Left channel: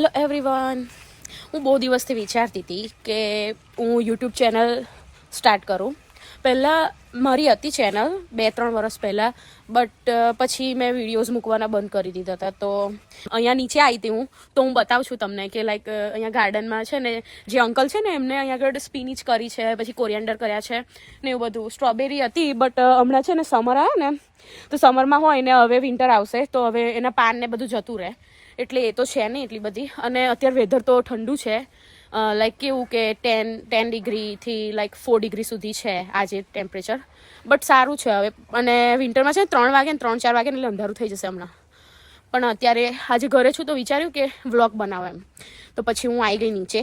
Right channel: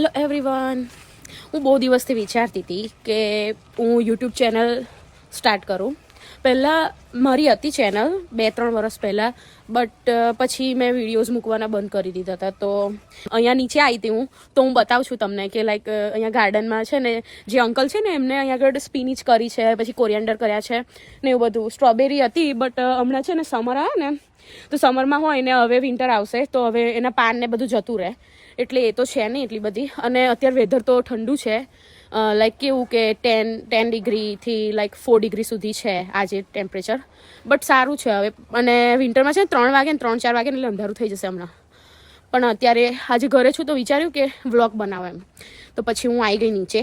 Hello everyone, હું બહુ દિવસથી વિચારતી હતી કે હું યુટ્યુબ ચેનલ સ્ટાર્ટ કરું. પહેલાં મારી હતી ચેનલ 2-3 વર્ષ પહેલાં, બટ પછી મેં વિડીયોઝ મૂકવાના બંધ કરી દીધા હતા. તો અહીંયા નીચે આવી હતી હું, તો હું બતાવું છું તમને કે લાઈક અહીંયા ગાર્ડનમાં છે ને જે અંકલ છે ને એમને અહીંયા આગળ સ્પિનિચ કરી છે, પછી કોરિએન્ડર કર્યા છે ને એવું બધું. સ્ટ્રોબેરી હતી બટ હમણાં છે ને સમર આવે ને તો સમરમાં હોય ને હવે વિન્ટર આવશે તો હવે એના પાન ને બધું જતું રહે, એટલે એ તો છે નહીં એટલી બધી. અને અત્યારે વેધર તો ઠંડુ છે, લાઈક કેવું કે 10 ડિગ્રીથી લાઈક 4 ડિગ્રી સુધી છે આજે ટેમ્પરેચર, બટ સારું છે હવે. અને વિન્ટરમાં છે 3 વાગે ને 3-4 વાગે એટલે અંધારું થઈ જશે હમણાં. પણ અત્યારે આજે ઘરે છું તો વિચાર્યું કે વ્લોગ બનાવો એમ, તો પછી હું આવી ગઈ નીચે.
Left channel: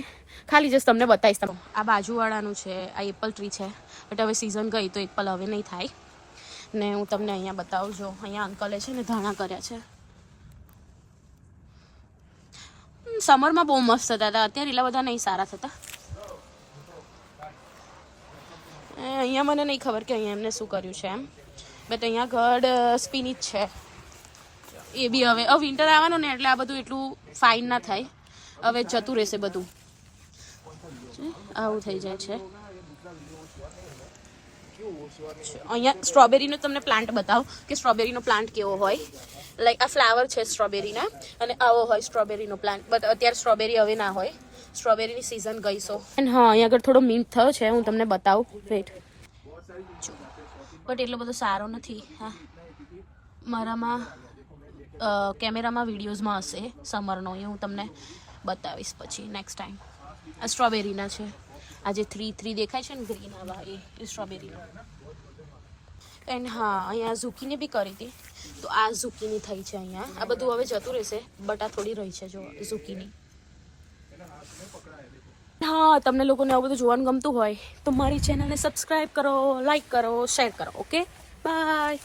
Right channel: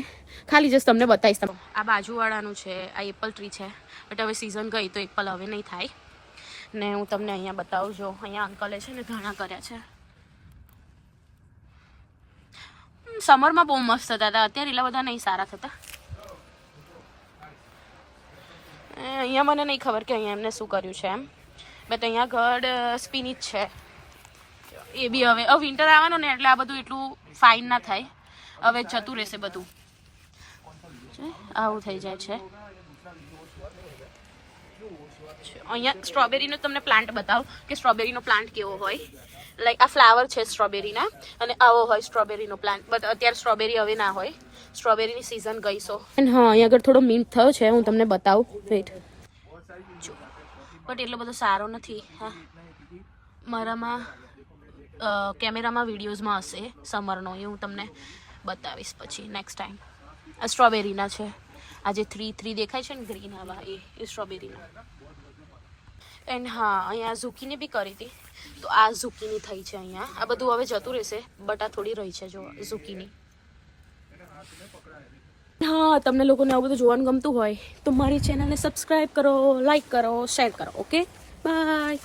ખાલી જસ્ટ તમને બતાવીશ. આ બાજુવાળાનું છે, આ એપલ ટ્રી છે, બટ હવે સિઝન ગઈ તો એપલ હવે નહીં થાય. ને હું તમને અહીંયા બતાવું છું, અહીંયા અંકલે છે ને ધાણા કર્યા છે. સમરમાં બહુ મસ્ત થતા હતા, અત્યારે એટલા બધા નહીં સારા થતા. અહીંયા મને નહીં ખબર કે અહીંયા એમને શું કર્યું છે એમ, બટ અહીંયા ઘડ સ્પિનિચ છે. એ બી હવે વિન્ટર આવવાનું ને એટલે આ બધું એટલું ફાઇન ના થાય, હવે જતું રહેશે બધું. આવું થઈ જાય છે. અહીંયા સ્ટ્રોબેરીનો તમને પ્લાન્ટ બતાવું કે સ્ટ્રોબેરીનો પ્લાન્ટ કેવો હોય. લાઈક આ ફ્લાવર છે સ્ટ્રોબેરીનો અને આવો હોય સ્ટ્રોબેરીનો પ્લાન્ટ, બટ અત્યારે સ્ટ્રોબેરી હવે ના હોય, સ્ટ્રોબેરીની સિઝન ગઈ સો. અને હા, અહીંયા આગળ થોડો મિન્ટ થયો છે, હું તમને બતાવું. વેટ, બટ એટલો બધો સારો નથી. હા, મારામાં કેમેરામાં વિડીયોઝમાં હશે સમરનો, એ હું તમને બતાવીશ પછી નેક્સ્ટ ટાઈમ. આ સ્ટ્રોબેરીના છે, આ જે 3 દેખાય છે ને ગ્રીન, આવા એ સ્ટ્રોબેરીના. એન્ડ હા, અહીંયા ઝુકીની બી કરી હતી, તો આ ઝુકીની થઈ છે અહીંયા. આ બધું હવે જતું રહેશે, બટ આ થોડી રહી છે જો ઝુકીની. હા, તમને લોકોને આવું બધું જોવાનું ગમતું હોય તો મારી ચેનલને સબસ્ક્રાઈબ કરો, લાઈક કરો, શેર કરો. Okay, by.